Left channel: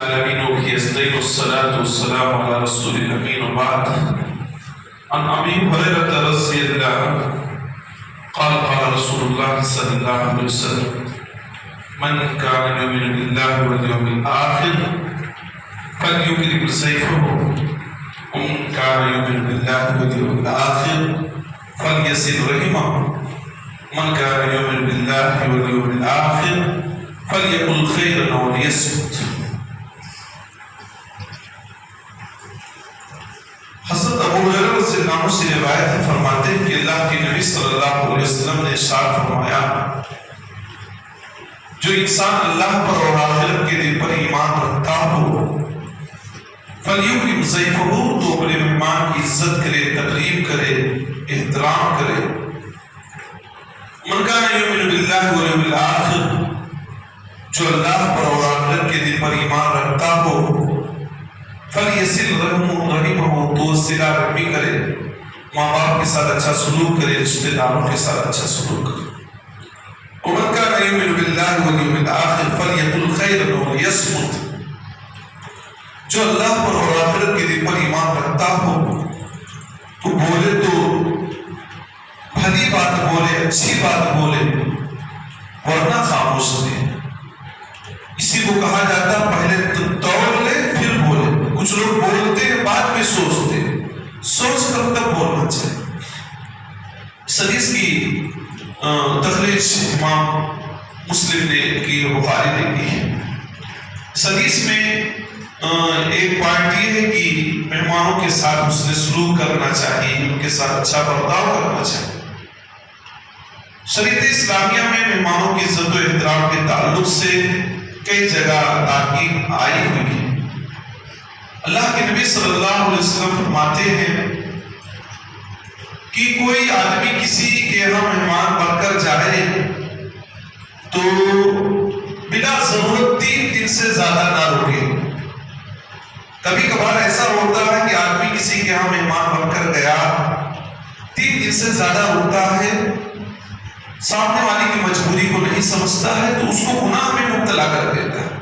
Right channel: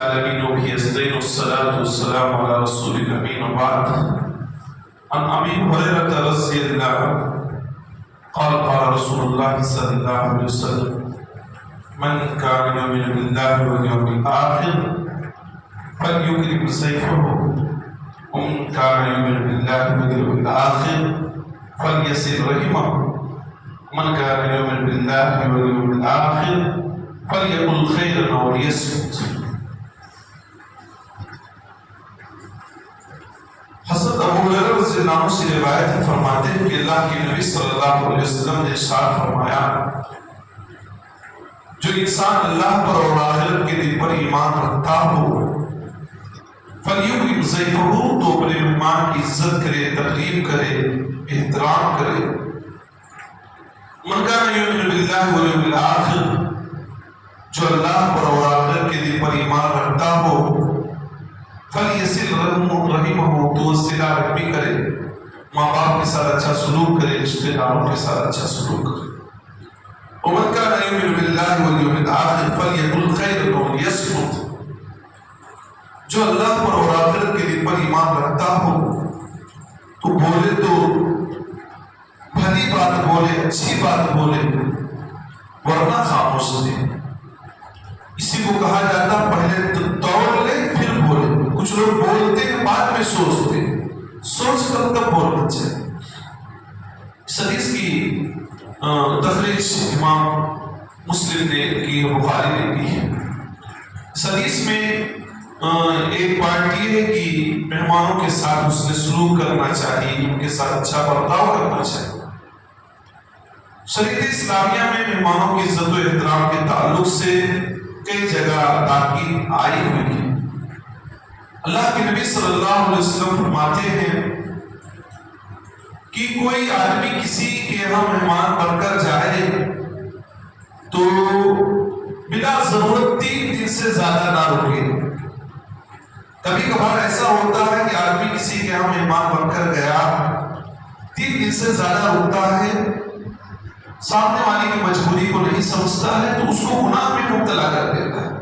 العالمين وبه يستعين والصلاة والسلام على رسول الأمين وبعد. عن أبي هريرة رضي الله عنه قال قال رسول الله صلى الله عليه وسلم: من كان يؤمن بالله واليوم الآخر فليكرم سيفه، ومن كان يؤمن بالله واليوم الآخر فليصل رحمه، من كان يؤمن بالله واليوم الآخر فليقل خيرا أو ليصمت. حضرت ابو ہریرہ رضی اللہ عنہ سے روایت ہے، فرماتے ہیں کہ اللہ کے نبی صلی اللہ علیہ وسلم نے ارشاد فرمایا: جو انسان اللہ پر اور آخرت کے دن پر ایمان رکھتا ہو فلیکرم ضیفہ، تو اپنے مہمان کی عزت کرے، تکریم کرے، احترام کرے. من کان یؤمن باللہ والیوم الآخر، جو اللہ پر اور آخرت کے دن پر ایمان رکھتا ہو فلیصل رحمہ، تو صلہ رحمی کرے، ماں باپ کے ساتھ اچھا سلوک کرے، رشتہ داروں کے ساتھ اچھا سلوک کرے. ومن کان یؤمن باللہ والیوم الآخر فلیقل خیرا او لیصمت، جو اللہ پر اور آخرت کے دن پر ایمان رکھتا ہو تو بولے تو بھلی بات بولے، اچھی بات بولے، ورنہ خاموش رہے. اسی کو کہا جاتا پہلے توڑ لے پھر بولے. کچھ لوگ بولتے ہیں بعد میں سوچتے، سوچ کر تب بولنا چاہیے. اس حدیث کی تخریج امام مسلم نے کی، بخاری نے کی ہے. اس حدیث میں ایک پوائنٹ یہ ہے کہ مہمانوں کے ساتھ حسن سلوک کرنا چاہیے، ان کے ساتھ اچھا برتاؤ کرنا چاہیے. شریعت اسلامیہ میں مہمانوں کی عزت و احترام کے تعلق سے کئی جگہ تاکید آئی ہوئی ہے. اللہ کے نبی صلی اللہ علیہ وسلم فرماتے ہیں کہ کوئی آدمی کسی کے یہاں مہمان بن کر جائے تو بلا ضرورت 3 دن سے زیادہ نہ رکے. کبھی کبھار ایسا ہوتا ہے کہ آدمی کسی کے یہاں مہمان بن کر گیا، 3 دن سے زیادہ رکتا ہے، سامنے والی کی مجبوری کو نہیں سمجھتا ہے تو اس کو گناہ میں مبتلا کر دیتا ہے.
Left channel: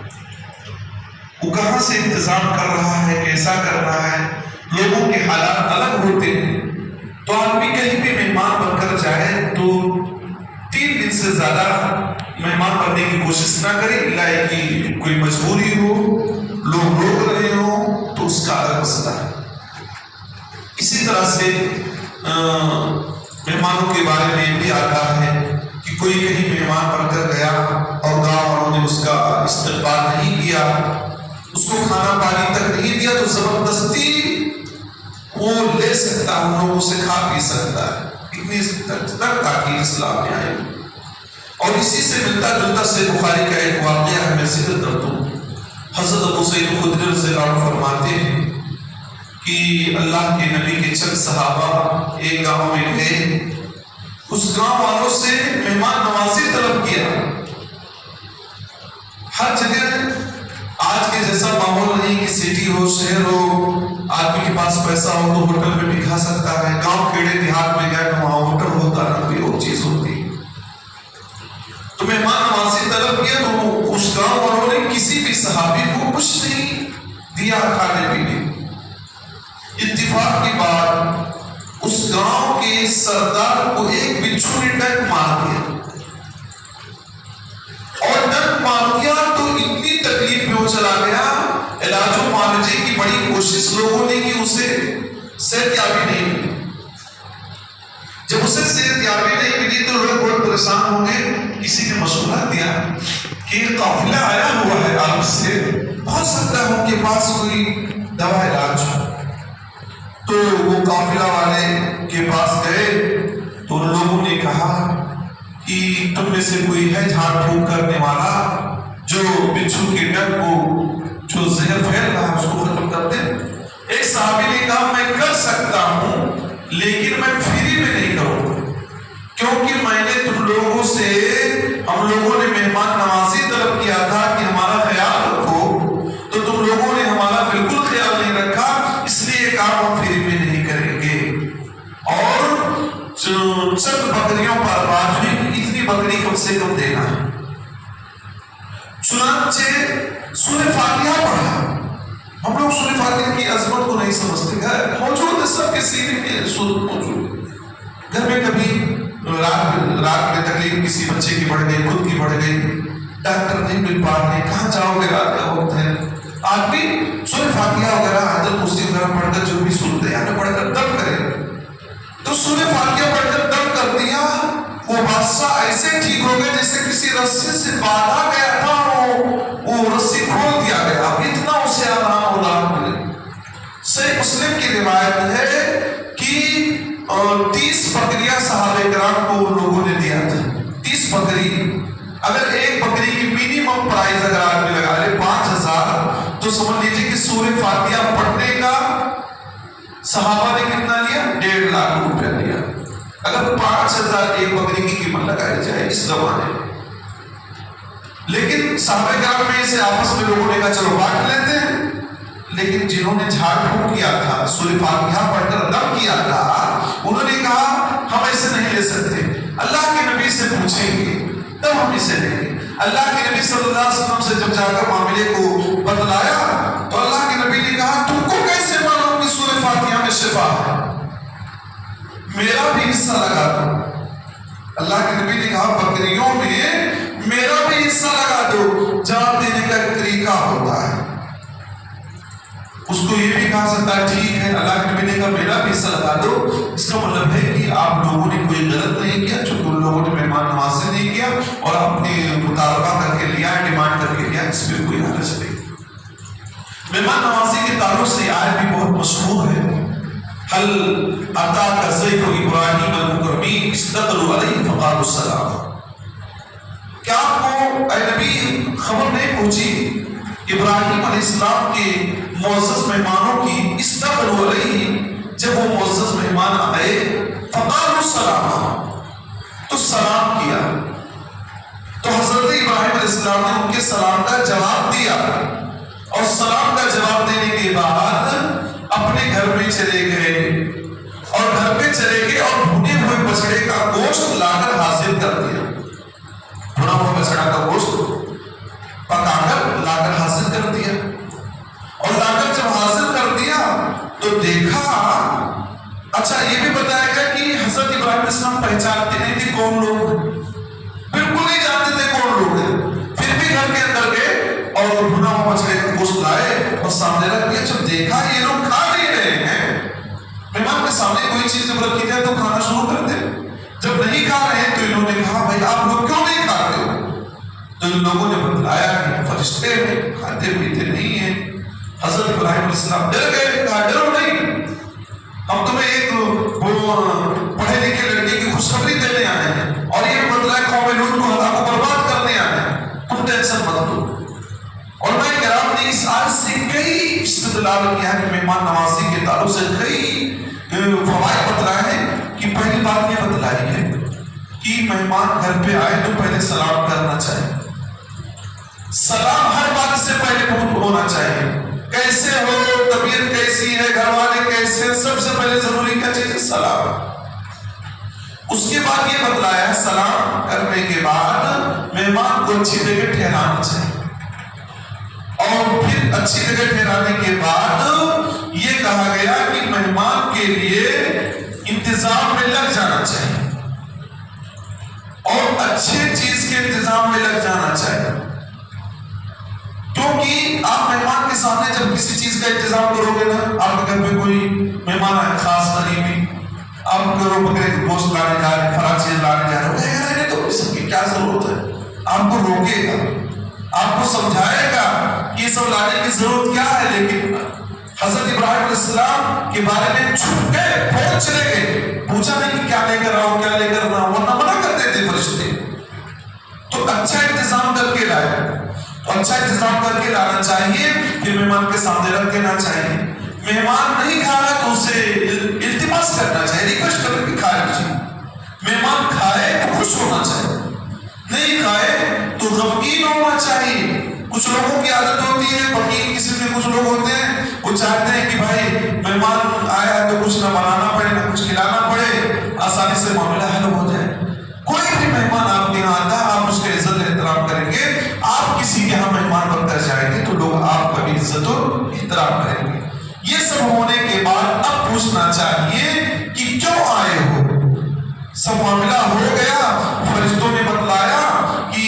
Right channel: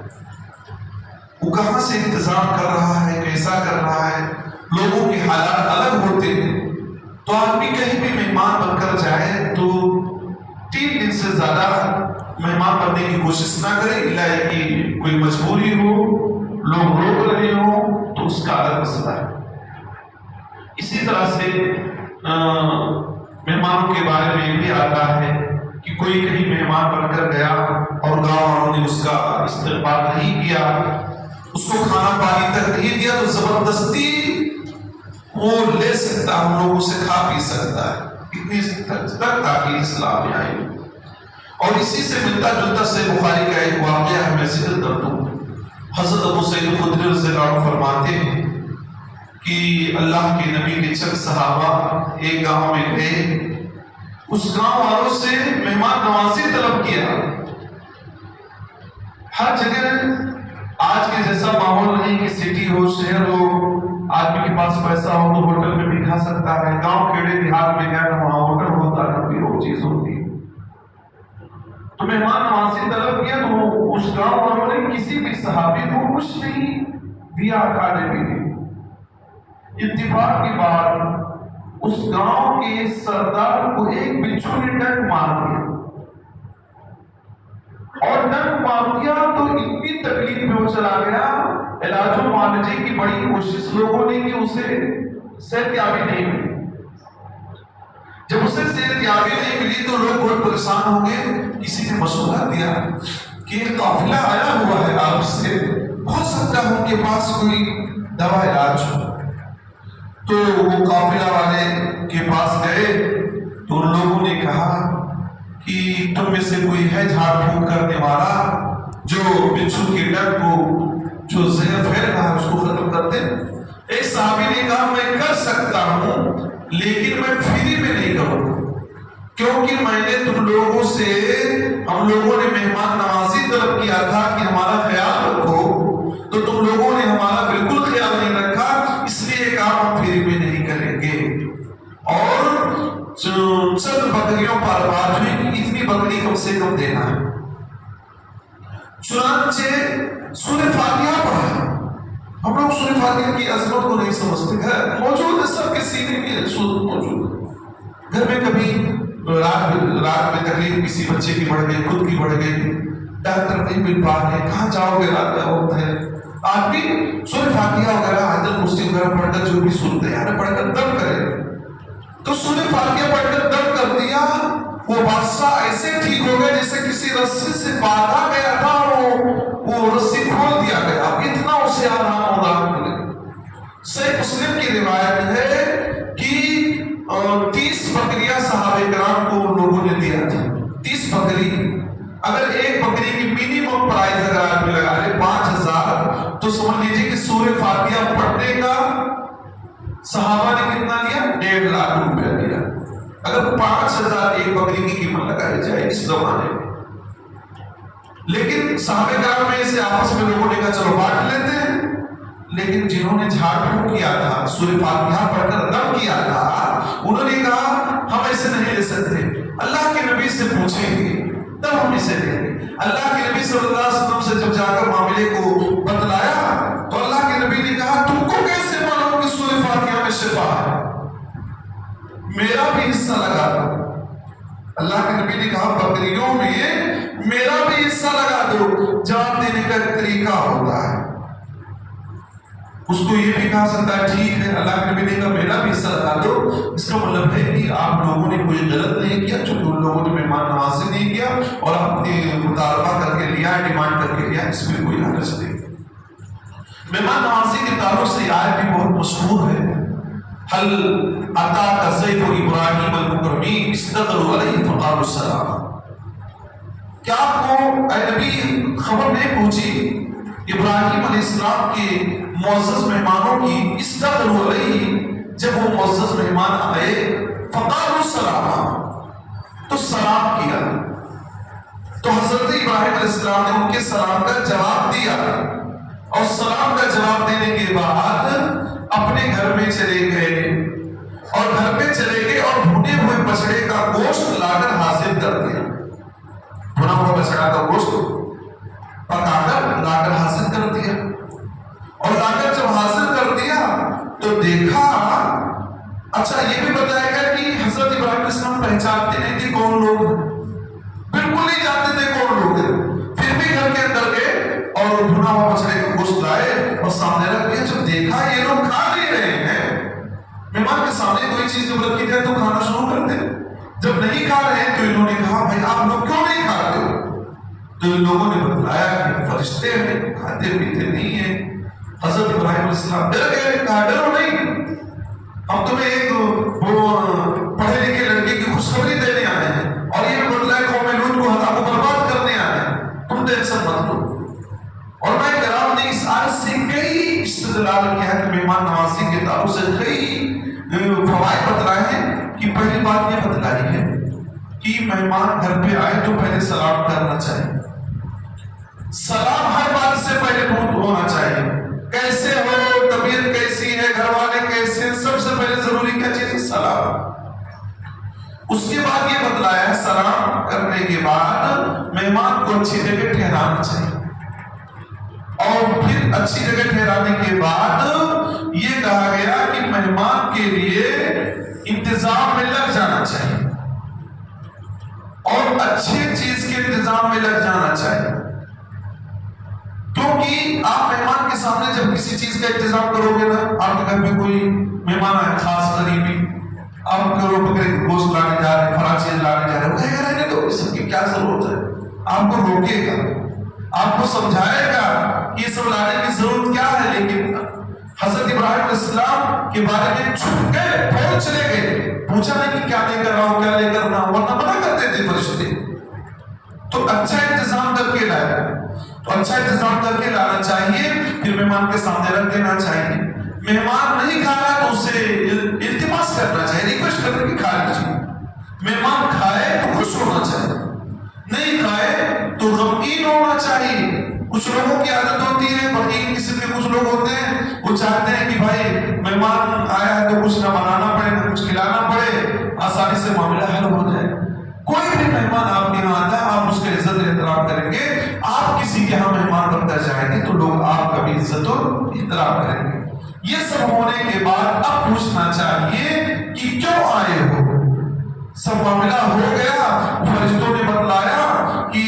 وہ کہاں سے انتظام کر رہا ہے، کیسا کر رہا ہے، لوگوں کے حالات الگ ہوتے ہیں. تو آدمی کہیں بھی مہمان بن کر جائے تو 3 دن سے زیادہ مہمان بننے کی کوشش نہ کرے، الا کہ کوئی مجبوری ہو، لوگ روک رہے ہوں تو اس کا الگ مسئلہ ہے. اسی طرح سے مہمانوں کے بارے میں بھی آتا ہے کہ کوئی کہیں مہمان بن کر گیا اور گاؤں والوں نے اس کا استقبال نہیں کیا، اس کو کھانا پانی تک نہیں دیا، تو زبردستی وہ لے سکتا ہے، ان لوگوں سے کھا پی سکتا ہے. اتنی تک تاکید اسلام میں آئی. اور اسی سے ملتا جلتا سے بخاری کا ایک واقعہ ہے، میں ذکر کر دوں. حضرت ابو سعید خدری رضی اللہ عنہ فرماتے ہیں کہ اللہ کے نبی کے چند صحابہ ایک گاؤں میں گئے، اس گاؤں والوں سے مہمان نوازی طلب کیا. ہر جگہ آج کے جیسا ماحول نہیں کہ سٹی ہو، شہر ہو، آدمی کے پاس پیسہ ہو تو ہوٹل میں بھی کھا سکتا ہے. گاؤں کیڑے دیہات میں گئے، وہاں ہوٹل ہوتا نہ کوئی اور چیز ہوتی. تو مہمان نوازی طلب کیا تو اس گاؤں والوں نے کسی بھی صحابی کو کچھ نہیں دیا کھانے پینے. اتفاق کی بات، اس گاؤں کے سردار کو ایک بچھو نے ڈنک مار دیا، اور ڈنک مار دیا تو اتنی تکلیف میں وہ چلا گیا. علاج و معالجے کی بڑی کوشش لوگوں نے کی، اسے صحت یابی نہیں ملی. جب اسے صحت یابی نہیں ملی تو لوگ بہت پریشان ہو گئے. کسی نے مشورہ دیا کہ ایک قافلہ آیا ہوا ہے آپ سے، بہت سکتا ہے ان کے پاس کوئی دوا علاج ہو. تو وہ قافلہ والے کے پاس گئے تو ان لوگوں نے کہا کہ تم میں سے کوئی ہے جھاڑ پھونک کرنے والا جو بچھو کے ڈنک کو جو زہر پھیل رہا ہے اس کو ختم کر دے. ایک صحابی نے کہا میں کر سکتا ہوں لیکن میں فری میں نہیں کروں گا، کیونکہ میں نے تم لوگوں سے، ہم لوگوں نے مہمان نوازی طلب کیا تھا کہ ہمارا خیال رکھو، تو تم لوگوں نے ہمارا بالکل خیال نہیں رکھا، اس لیے یہ کام ہم فری میں نہیں کریں گے. اور چند بکریوں پر بات ہوئی، اتنی بکری کم سے کم دینا ہے. چنانچہ سورہ فاتحہ پڑھا سمجھتے، گھر موجود ہے، سب کے سینے میں صورت موجود ہے۔ گھر میں کبھی رات میں تکلیف کسی بچے کی بڑھ گئی، خود کی بڑھ گئی، ڈاکٹر نہیں مل پا رہے، کہاں جاؤ گے، رات کا وقت ہے، آدمی سورہ فاتحہ وغیرہ آیت الکرسی وغیرہ پڑھ کر جو بھی صورت ہے پڑھ کر دم کرے، تو سورہ فاتحہ پڑھ کر دم کر دیا، وہ بادشاہ ایسے ٹھیک ہو گیا جیسے کسی رسی سے باندھا گیا تھا، وہ رسی کھول دیا گیا، اب اتنا اسے آرام ہو رہا ہے۔ صحیح مسلم کی روایت ہے کہ 30 بکریاں صحابہ کرام کو ان لوگوں نے دیا تھا، 30 بکری۔ اگر ایک بکری کی منیمم پرائز اگر آدمی لگا لے 5000، تو سمجھ لیجیے کہ سورہ فاتحہ پڑھنے کا صحابہ نے کتنا لیا؟ 1.5 لاکھ روپیہ لیا۔ اگر 5000 ایک بکری کی قیمت لگائی جائے اس زمانے میں، لیکن صحابہ کرام میں سے آپس میں لوگوں نے کہا چلو بانٹ لیتے ہیں، لیکن جنہوں نے جھاڑ پھونک کیا تھا، سورہ فاتحہ پڑھ کر دم کیا تھا، انہوں نے کہا ہم ایسے نہیں لے سکتے، اللہ کے نبی سے پوچھیں گے تب ہم اسے لیں گے۔ اللہ کے نبی صلی اللہ علیہ وسلم سے جب جا کر معاملے کو بتلایا تو اللہ کے نبی نے کہا تم کو کیسے معلوم کہ سورہ فاتحہ میں شفا ہے؟ میرا بھی حصہ لگا دو۔ اللہ کے نبی نے کہا بکریوں میں میرا بھی حصہ لگا دو۔ جان دینے کا ایک طریقہ ہوتا ہے، اس کو یہ بھی کہا سکتا ہے ٹھیک ہے، اللہ کے نبی نے کہا میرا بھی حصہ لگا دو، اس کا مطلب ہے کہ آپ لوگوں نے کوئی غلط نہیں کیا، چونکہ ان لوگوں نے مہمان نوازی نہیں کیا اور اپنی مطالبہ کر کے لیا، ڈیمانڈ کر کے لیا، اس میں کوئی حرج نہیں۔ مہمان نوازی کے تعلق سے آیت بھی بہت مشہور ہے، حل اتاک ضیف ابراہیم المکرمین اذ دخلوا علیہ فقالوا السلام۔ کیا آپ کو اے نبی خبر نہیں پہنچی ابراہیم علیہ السلام کے معزز مہمانوں کی؟ اذ دخلوا علیہ، جب وہ معزز مہمان آئے، فقالوا السلام، تو سلام کیا، تو حضرت ابراہیم علیہ السلام نے ان کے سلام کا جواب دیا، اور سلام کا جواب دینے کے بعد اپنے گھر میں چلے گئے، اور گھر میں چلے گئے اور بھنے ہوئے بچڑے کا گوشت لا کر حاضر کر دیا، بھنا ہوا بچڑا کا گوشت پکا کر لا کر حاضر کر دیا، اور لا کر جب حاضر کر دیا تو دیکھا، اچھا یہ بھی بتایا گیا کہ حضرت ابراہیم علیہ السلام پہچانتے نہیں تھے کون لوگ، بالکل نہیں جانتے تھے کون لوگ ہیں، پھر بھی گھر کے اندر گئے اور بھنا ہوا بچڑے کا گوشت لائے اور سامنے رکھ دیا۔ جب دیکھا یہ لوگ کھا نہیں رہے ہیں، مہمان کے سامنے کوئی چیز جب رکھی جائے تو کھانا شروع کر دیں، جب نہیں کھا رہے ہیں تو انہوں نے کہا بھائی آپ لوگ کیوں نہیں کھاتے ہو؟ تو ان لوگوں نے بتلایا کہ فرشتے ہیں، کھاتے پیتے نہیں ہیں۔ حضرت ابراہیم علیہ السلام ڈر گئے، کہا ڈرو نہیں، ہم تمہیں ایک پڑھے لکھے لڑکے کی خوشخبری دینے آئے ہیں، اور یہ بتلایا قوم لوط کو ہلاک و برباد کرنے آئے ہیں، تم ٹینشن مت لو۔ اور میں کرام نے اس آیت سے کئی استدلال کیا ہے، مہمان نوازی کے تعلق سے کئی فوائد بتلائے ہیں، کہ پہلی بات یہ بتلائی ہے کہ مہمان گھر پہ آئے تو پہلے سلام کرنا چاہیے، سلام ہر بات سے پہلے ہونا چاہیے، کیسے ہو، طبیعت کیسی ہے، گھر والے کیسے ہیں، سب سے پہلے ضروری کیا چیز ہے؟ سلام۔ اس کے بعد یہ بتلایا ہے سلام کرنے کے بعد مہمان کو اچھی جگہ ٹھہرانا چاہیے، اور پھر اچھی جگہ ٹھہرانے کے بعد یہ کہا گیا کہ مہمان کے لیے انتظام میں لگ جانا چاہیے، اور اچھے چیز کے انتظام میں لگ جانا چاہیے، کیونکہ آپ مہمان کے سامنے جب کسی چیز کا انتظام کرو گے نا، آپ کے گھر میں کوئی مہمان آئے خاص قریبی، آپ کو بکرے گوشت لانے جا رہے ہیں، فلاں چیز لانے جا رہے ہیں، وہ کہے گا رہنے دو، اس کی کیا ضرورت ہے؟ آپ کو روکے گا، آپ کو سمجھائے گا کہ یہ سب لانے کی ضرورت کیا ہے، لیکن حضرت ابراہیم علیہ السلام کے بارے میں چھپ گئے، فوراً چلے گئے، پوچھا نہیں کہ کیا لے کر رہا ہوں، کیا لے کر رہا ہوں، ورنہ منع کرتے تھے فرشتے۔ تو اچھا انتظام کر کے لائے، تو اچھا انتظام کر کے لانا چاہیے، پھر مہمان کے سامنے رکھ دینا چاہیے۔ مہمان نہیں کھا رہا تو اسے التماس کرنا چاہیے، ریکویسٹ کر کے کھا لیجیے۔ مہمان کھائے تو خوش ہونا چاہیے، نہیں کھائے تو غمگین ہونا چاہیے۔ کچھ لوگوں کی عادت ہوتی ہے، بخیل قسم کے کچھ لوگ ہوتے ہیں، وہ چاہتے ہیں کہ بھائی مہمان آیا تو کچھ نہ بنانا پڑے نہ کچھ کھلانا پڑے، آسانی سے معاملہ حل ہو جائے۔ کوئی بھی مہمان آپ کے یہاں آتا ہے، آپ اس کا عزت احترام کریں گے، آپ کسی کے یہاں مہمان بن کر جائیں گے تو لوگ آپ کا بھی عزت اور احترام کریں گے۔ یہ سب ہونے کے بعد اب پوچھنا چاہیے کہ کیوں آئے ہو؟ سب معاملہ ہو گیا، فرشتوں نے بتلایا کہ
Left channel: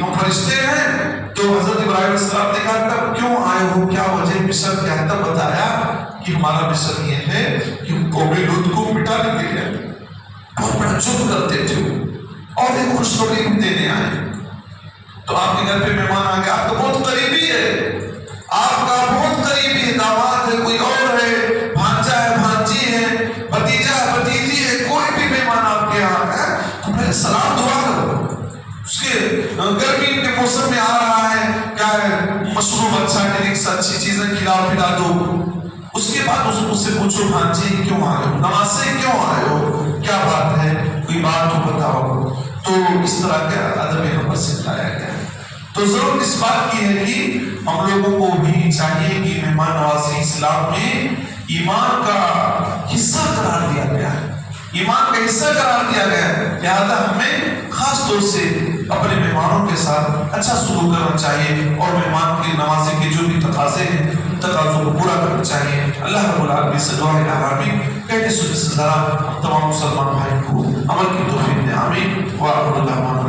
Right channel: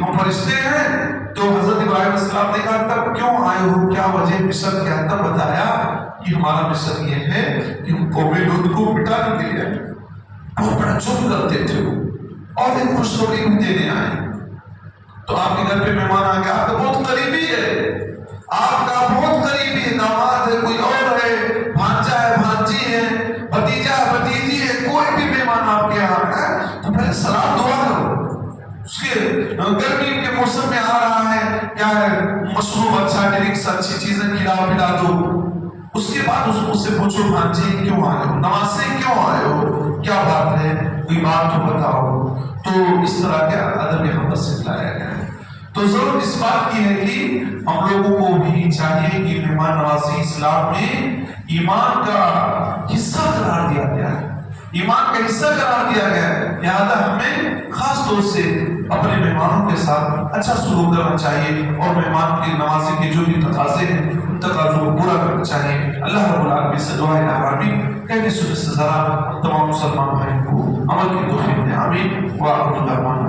ہم فرشتے ہیں، تو حضرت ابراہیم علیہ السلام نے کہا تب کیوں آئے ہو، کیا وجہ مصر کیا؟ تب بتایا کہ ہمارا مصر یہ ہے کہ قوم لوط کو مٹانے کے لیے بہت بڑا جرم کرتے تھے اور ایک خوشخبری دینے آئے۔ تو آپ کے گھر پہ مہمان آ گیا، آپ کا بہت قریبی ہے، آپ کا بہت قریبی ہے، داماد ہے، کوئی اور ہے، بھانجا ہے، بھانجی ہے، بھتیجا ہے، بھتیجی ہے، کوئی بھی مہمان آپ کے یہاں ہے تو پہلے سلام دعا کرو۔ اس کے گرمی کے موسم میں آ رہا ہے، کیا ہے مشروب اچھا، ڈرنکس اچھی چیزیں کھلا پلا دو۔ اس کے بعد اس سے پوچھو بھانجی کیوں آئے ہو، نواسے کیوں آئے ہو، کیا بات ہے، کوئی بات تو بتاؤ۔ تو اس طرح کا ادب یہاں پر سکھلایا گیا۔ تو ضرورت اس بات کی ہے کہ ہم لوگوں کو بھی چاہیے کہ مہمان نوازی اسلام میں ایمان کا حصہ قرار دیا گیا ہے، ایمان کا حصہ قرار دیا گیا ہے، لہذا ہمیں خاص طور سے اپنے مہمانوں کے ساتھ اچھا سلوک کرنا چاہیے اور مہمان کی نوازی کے جو بھی تقاضے ہیں ان تقاضوں کو پورا کرنا چاہیے۔ اللہ رب العالمین سے دعا ہے آمین۔ پہلے سورے سے ذرا تمام مسلمان بھائی کو عمل کی توفیق دے، آمین۔ وآخر دعوانا